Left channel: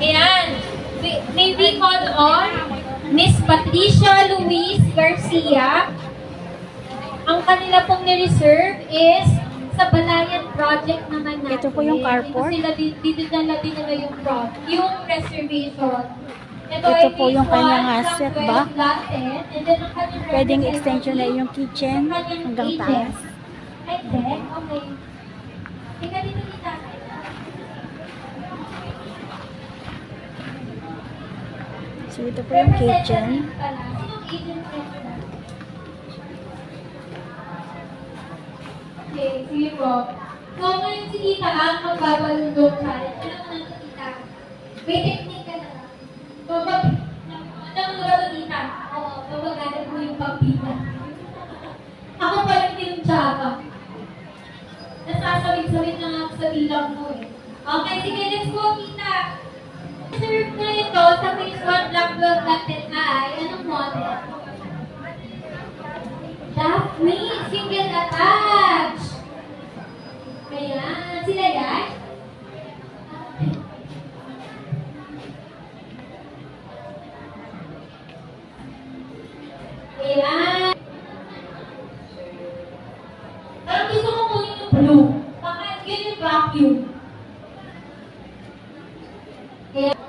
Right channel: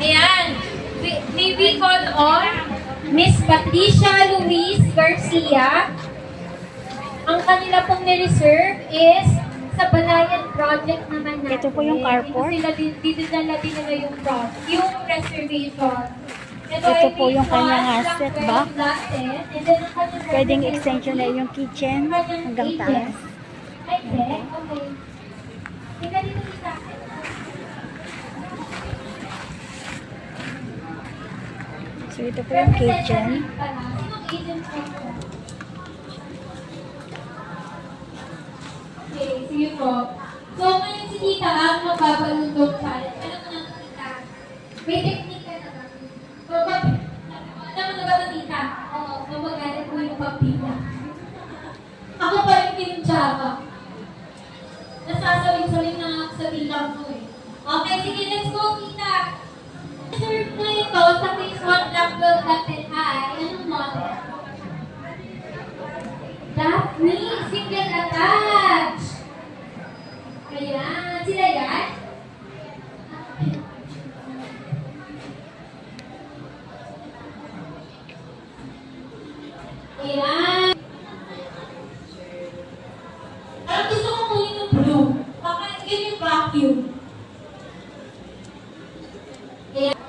Ayan. May we call on Miss Patricia Luis Garcia. Ang kanila pong ni-reserve is sa Balayan Project naman natin. Ito po yung carport. Dito nila din nila yung reservation. Ito po yung kanyang asset back. Pwedeng extension na yung kitchen hanggang taas. Ay, okay. Tika dito, tita. So ito po yung kitchen. Okay, sige po. So, ngayon si tita ang magbabalundong challenge. Ano mo nang tita? May technique ka na ba? Alam mo na ba ito, tita? Oo, mamagalit mo yung pampila. Ako pa rin kinuntsaka. Nasasawin-sawin na nga sa bilang mo eh. Okay, sige, let's go, tita. Serve na ito sa phase 1 Black Gold Latin Eye. Anong model? Daphne, single attach. Ayan, sila yan? Ayan. Parang gusto ko kunin yung blue. Baka yun yung vacuum. Ayan.